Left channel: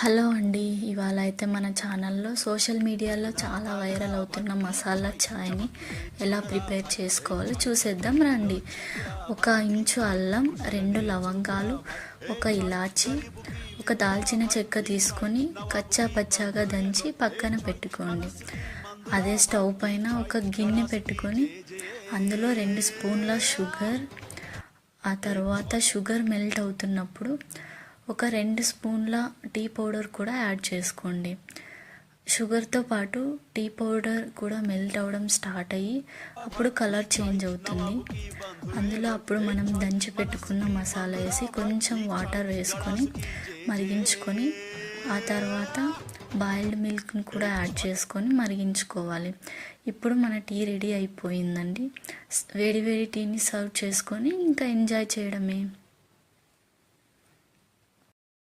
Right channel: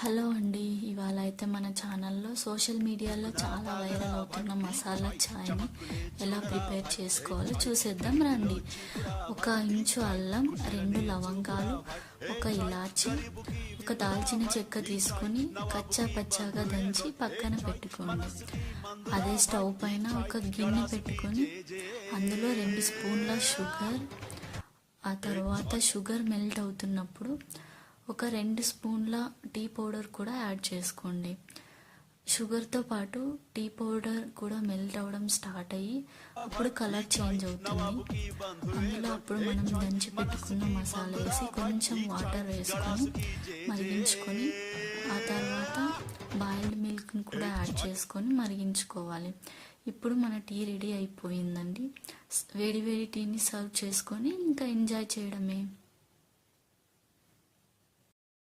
Hello అండి. ఇవాళ అయితే మన ఛానల్లో సోషల్ మీడియాలో చాలా వైరల్ అవుతున్న మసాలా ఛాయ్ని ఎలా ప్రిపేర్ చేసుకోవాలో చూసేద్దాం రండి. 1 ఇంచు అల్లం, 2 లవంగాలు, 1 ఇలాచి, 1 దాల్చిన చెక్క తీసుకొని కచ్చా పచ్చాగా దంచి పక్కన పెట్టుకోండి. అదే స్టవ్ పైన ఒక గిన్నె పెట్టుకొని అందులో 2 స్పూన్ల షుగర్, ఆ తర్వాత షుగర్ మెల్ట్ అవుతున్నప్పుడు ఒక 2 స్పూన్ల టీ పౌడర్ కూడా యాడ్ చేసుకోండి. షుగర్తో పాటు టీ పౌడర్ కూడా మెల్ట్ అవ్వడం స్టార్ట్ అయ్యి అప్పుడు కలర్ చేంజ్ అవుతుంది. అందులో అప్పుడు మనం దంచి పెట్టుకున్న మసాలా వేసి కొంచెం వాటర్ వేసుకొని మరిగించుకొని ఆ తర్వాత బాయిల్డ్ మిల్క్ని కూడా యాడ్ చేసుకొని మరిగించుకోవాలి. ఇప్పుడు మన టీ రెడీ అయిపోయిందండి. వేడి వేడి టీని సర్వ్ చేసుకొని ఇంకా ఎంజాయ్ చేయడమే.